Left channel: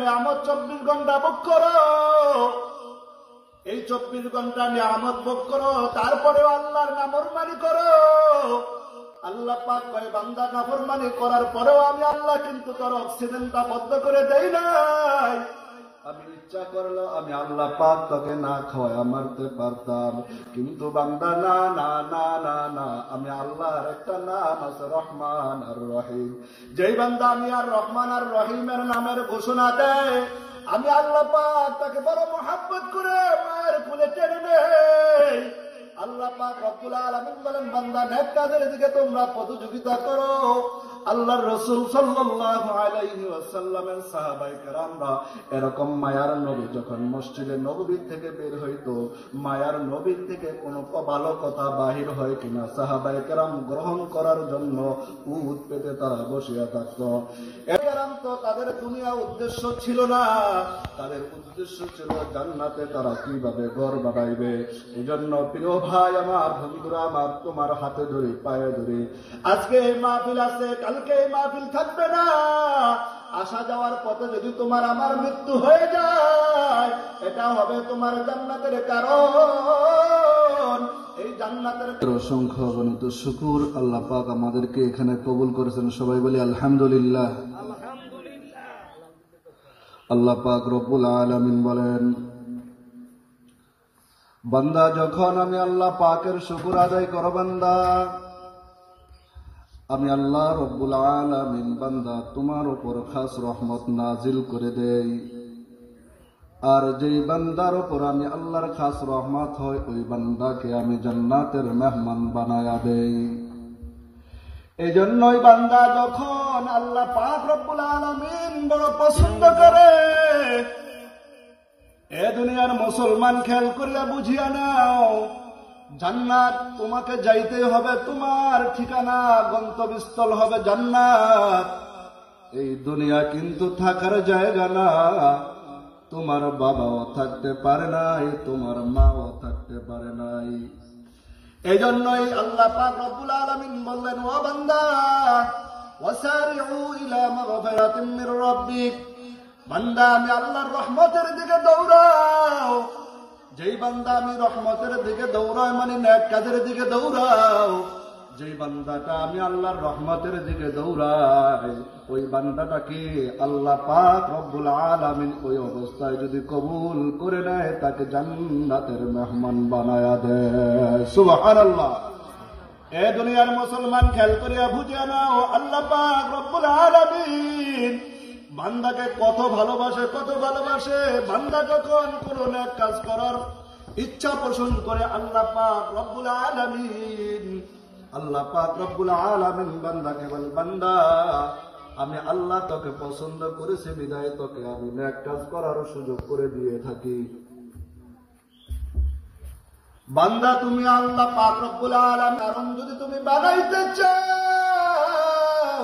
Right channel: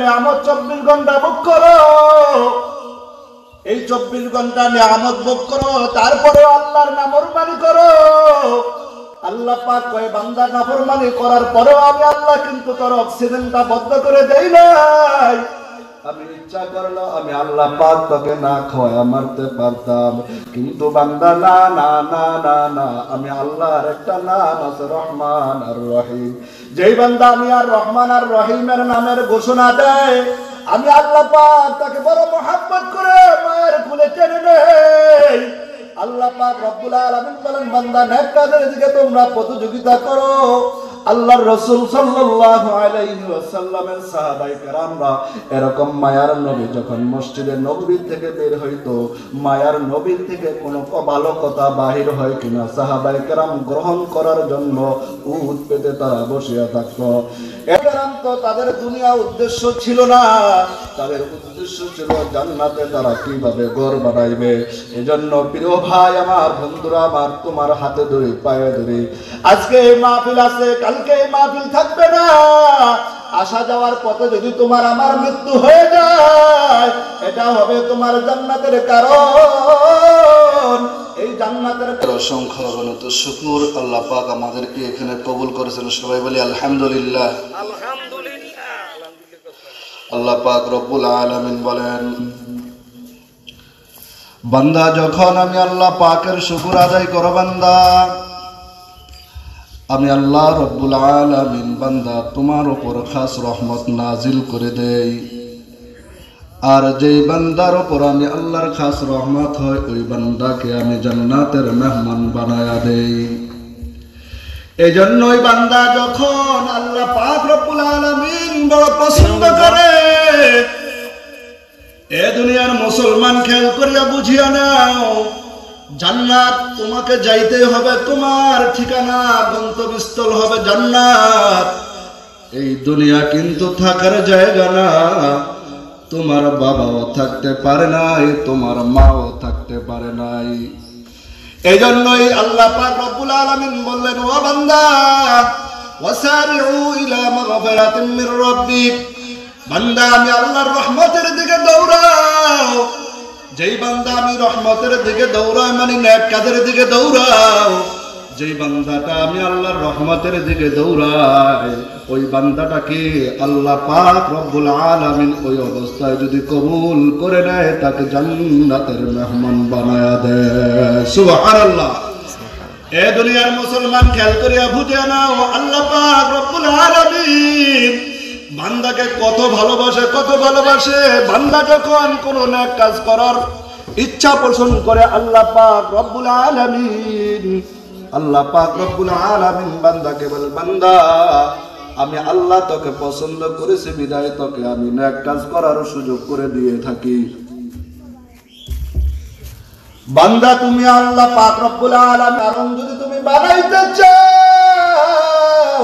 নিয়ামত 24 ঘন্টা ভোগ করো, এই 24 ঘন্টা নিয়ামত ভোগ করো, তারপরে আল্লাহর নাফরমানি করো। আল্লাহ পাক কয় বান্দা নাফরমানি করার পরেও আমি আল্লাহ কিন্তু তোর অক্সিজেনটা বন্ধ করে দেই নাই। আমি ইচ্ছা করলো আমি আল্লাহ পাক তোকে না খাওয়া মারতে পারতাম, কিন্তু বান্দা না না না না না, আমি আল্লাহর একটা নাম আছে রহমান আর রহিম। যেই বান্দা আমি আর রহমান আর রহিমের নামের ঘোষণা দেয়, আমি আল্লাহ পাক তাকে বড় মোহাব্বত করে মায়ের কোলে টেনে নেই। আল্লাহ পাক রব্বুল আলামিন বলেন বান্দা নেক কাজের দিকে তোমরা প্রতিযোগিতা করো। আল্লাহর রাসূল সাল্লাল্লাহু আলাইহি ওয়াসাল্লামের সাহাবায়ে কেরামরা এরকম মায়ার নবী যখন মসজিদে নববী থেকে বের হইতো, মায়ার নবীর থেকে কোনো ভালো কথা বাহির হয় কিনা সাহাবায়ে কেরাম গ্রহণ করার জন্য উট পেতে তারা বসিয়া থাকতো। একেরাম তো তাদের দুনিয়া উদ্দেশ্য ছিল না, তাদের উদ্দেশ্য ছিল জান্নাতে তারা কিভাবে ঘর বানাইবে। এজন্য প্রিয় ভাই আমার, বন্ধুরা আমার, তোমার হাতে ধরে পায়ে ধরে আজকে এই মাহফিল আছে, কালকে এই মাহফিল থাকবে না। আসা যাওয়ার পথে যদি তোমার আমার মৃত্যু হয়ে যায়, এটা হবে তোমার জান্নাতের কারণ। এই জান্নাতের অসংখ্য অগণিত শুকর আল্লাহ পাক আমাদেরকে এখানে কবুল করেছেন। সবাই বলি আলহামদুলিল্লাহ। আল্লাহ পাক রব্বুল আলামিন বলেন বান্দা যখন আমি আল্লাহ পাকের শুকর আদায় করো বান্দা, আমি আল্লাহ রব্বুল আলামিন বান্দা তোমার উপর খাস রহমত নাজিল করে দেই। আর যেই বান্দার উপর আমি আল্লাহর খাস রহমত হয়, ওই বান্দাকে আমি জান্নাতের মেহমান বানায়া দেই। এই জন্যই বান্দা যখন আল্লাহ পাক রব্বুল আলামিন বড় পছন্দ করে, এ দুনিয়ার মুসলমান খেয়াল করিয়া বুঝিয়া নাও, জান্নাত তোমাকে যাইতে হবে, তোমার ঠিকানা গন্তব্যস্থল হবে জান্নাত। এই দুনিয়া কিন্তু থাকার জায়গা না। তোমার বাবাও থাকতে পারে নাই, তোমার মাও থাকতে পারে নাই। এই জন্যই আল্লাহ পাক রব্বুল আলামিন বললেন ও বান্দা ওয়াসারিউ ইলা মাগফিরাতিন মির রাব্বিক, বান্দা আমি আল্লাহর রহমতের দিকে দৌড়াও। যেই বান্দা আমি রহমতের দিকে দৌড়াই মানে নেক কাজের দিকে দৌড়াও, যেই বান্দাটা আমি আল্লাহর রহমতের দিকে দৌড়াই, ওই বান্দাটাকে আল্লাহ পাক রব্বুল আলামিন ওই অবস্থায় যদি কবুল করে নেয়, তাকে জান্নাতের মেহমান বানায়া দেয়। সুবহানাল্লাহ। এ দুনিয়ার মুসলমান খেয়াল করিয়া বুঝে নাও, আল্লাহ পাক রব্বুল আলামিন বান্দাকে কত ভালোবাসে, কত ভালোবাসে। বান্দা যখন কোন নেক কাজ করার ইচ্ছা পোষণ করে, আল্লাহ পাক রব্বুল আলামিন বান্দাকে বলে বান্দা আমি আল্লাহ তোকে পছন্দ করেছি বিদায় তোকে আমি নেক কাজ করার সুযোগ করে দিয়ে থাকি। বান্দা তুমি আল্লাহ পাক রব্বুল আলামিন কারণ যদি তুমি বানাইতে চাও,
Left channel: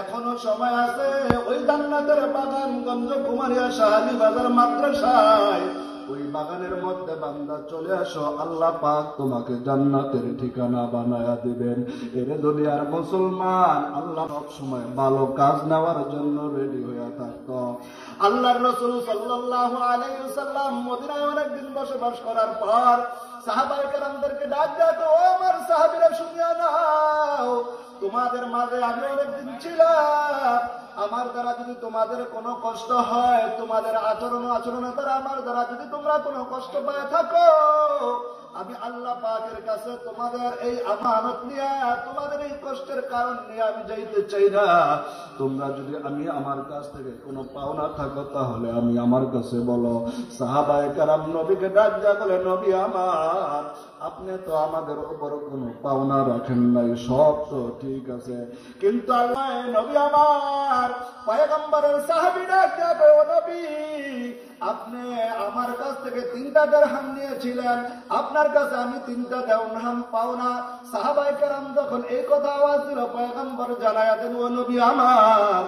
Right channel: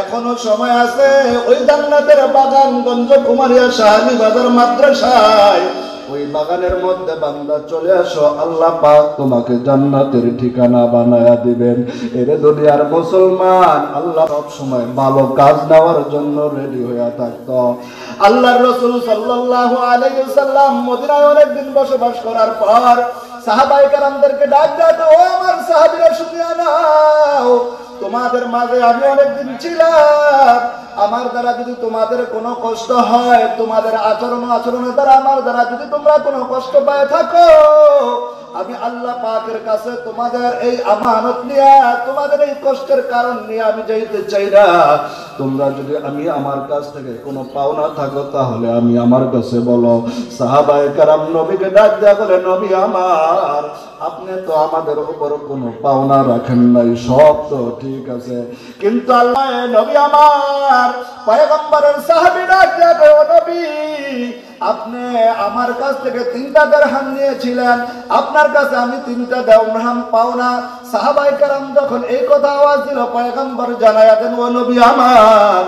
এখনো সময় আছে। ওই জান্নাতের বাগান গঞ্জ কুমারিয়া শাহালি বাজার মাদ্রাসায় ওই বাগানের মধ্যে বান্দা চলে আসো, আল্লাহ পাক তোমাকে জান্নাতের ঠিকানা বানায়া দিবেন। এর দুনিয়ার মুসলমান আল্লাহ সব সময় ভালো কাজ নেওয়ার জন্য রেডি হয়ে থাকতো। আল্লাহর রাসূল সাল্লাল্লাহু আলাইহি ওয়াসাল্লাম মদিনায় অনেকদিন বসবাস করার পর সাহাবায়ে কেরামদেরকে ডাক দেয়, ও আমার সাহাবীরা শুনিয়া নাও, তোমাদের মাঝে আমি অনেকদিন ছিলাম। আমার দ্বারা যদি তোমাদের কোনো কষ্ট হয়, তোমাদের আচরণের দ্বারা আমার দ্বারা যদি তোমরা কোনো কষ্ট পায় থাকো, আমি আল্লাহ পাকের কাছে তোমাদের এই আমানত নিয়ে, তোমাদের এই কষ্টের কারণ নিয়ে আমি যাইতে চাই না। তোমরা যদি আমি আমার কাছ থেকে কোনো পাওনা থাকো, তাহলে আমি আমার কাছে বলো। সাহাবায়ে কেরাম নবীকে ডাক দেয়া বলে, নবী আমার, আপনি তো আমাদের উপর কোনো পাওনা রাখেন নাই, সব তো ঠিক আছে, কিন্তু আল্লাহ নবী আমার পয়গম্বরের সাহাবী ডাক দেয়া বলে, ও নবী আপনি আমার কাছ থেকে 3টা দিরহাম নিয়েছিলেন, আপনার কাছে আমি 3টা দিরহাম পাওনা। সাহাবায়ে কেরাম যখন এই কথা আওয়াজ দিল, পয়গম্বর জানায়া দেন, ও নবী আমার।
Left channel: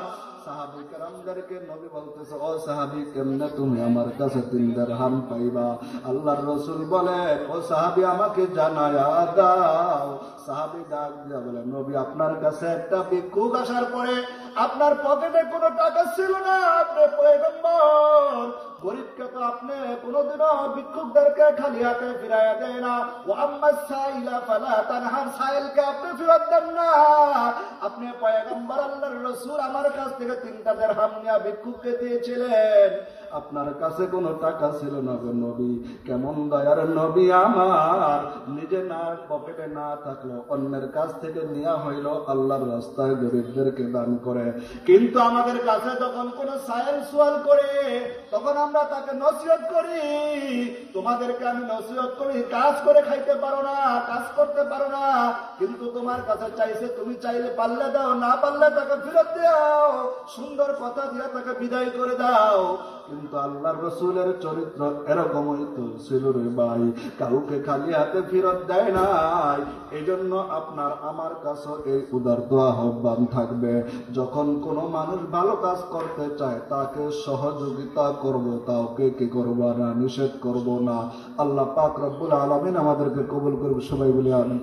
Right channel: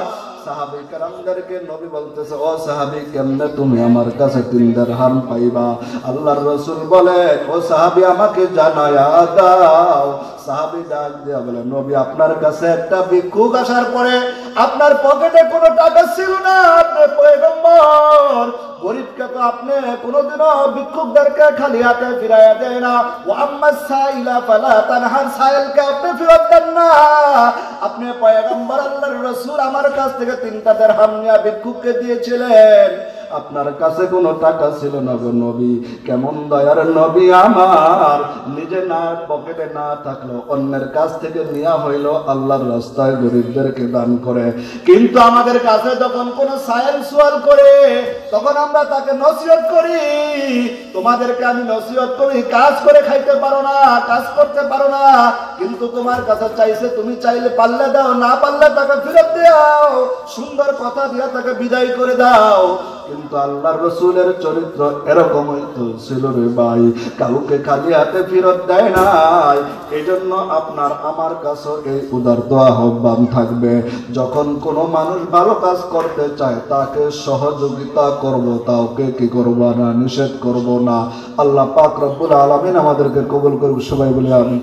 সাহাবী কেরামদেরকে নবী বলতেছে, ও সাহাবী কেমনে তুমি আমার কাছে 3 দিরহাম পাইবা? আল্লাহর রাসূল বলেন, ও সাহাবী আমাকে জানায়া দাও। সাহাবী ডাক দিয়া বলে, নবী আপনার কাছে একটা ভিক্ষুক আসার পরে আপনার পকেটে কোনো টাকা ছিল না, আপনি পয়গম্বর তো আপনি কোনোদিনও ভিক্ষুকদেরকে খালি হাতে ফিরাইয়া দেয় না। ওয়া আম্মাস সাইলা ফালা তানহার, সাইলকে আপনি ফেরত দেন না। আপনি পয়গম্বর আল্লাহর রাসূল আমার কাছ থেকে 3টা দিরহাম নিয়ে ভিক্ষুককে দিয়েছিলেন। আপনার কাছে কোনো টাকা ছিল না গো নবী। কেমন দয়ার নবী আমার, নিজে না পকেটে না থাকলো অন্যের কাছ থেকে নেওয়া হইলো আল্লাহর রাস্তায় গরিবদেরকে দান করে। কিন্তু আমাদের কাছে যখন কোনো সায়েল সোয়াল করে তখন আমরা তাকে নসিহত করি। তোমাদেরকে আমি নসিহত করি, কাজ করে খাইতে পারো না, কাজ করতে পারো না, কিন্তু তোমার কাছে চাইছে, তুমি চাইলে পারলে দাও, না পারলে তাকে ফেরত দাও, সুন্দর কথা দিয়ে তাকে বিদায় করে দাও। কিন্তু আল্লাহর রাসূলের চরিত্র এরকমই তো ছিল রে ভাই, কাউকে খালি হাতে ফেরত দেয় নাই। এইজন্য আপনার আমার কাছে এই উদারত আহ্বান থাকবে, যখন কোনো মানুষ ভালো কাজ করতে চায় তাকে সহযোগিতা করব, তাকে কি করব না, নিষেধ করব না। আল্লাহ পাক রব্বুল আলামিন আমাদেরকে কবুল করুক, সবাই বলি আমিন।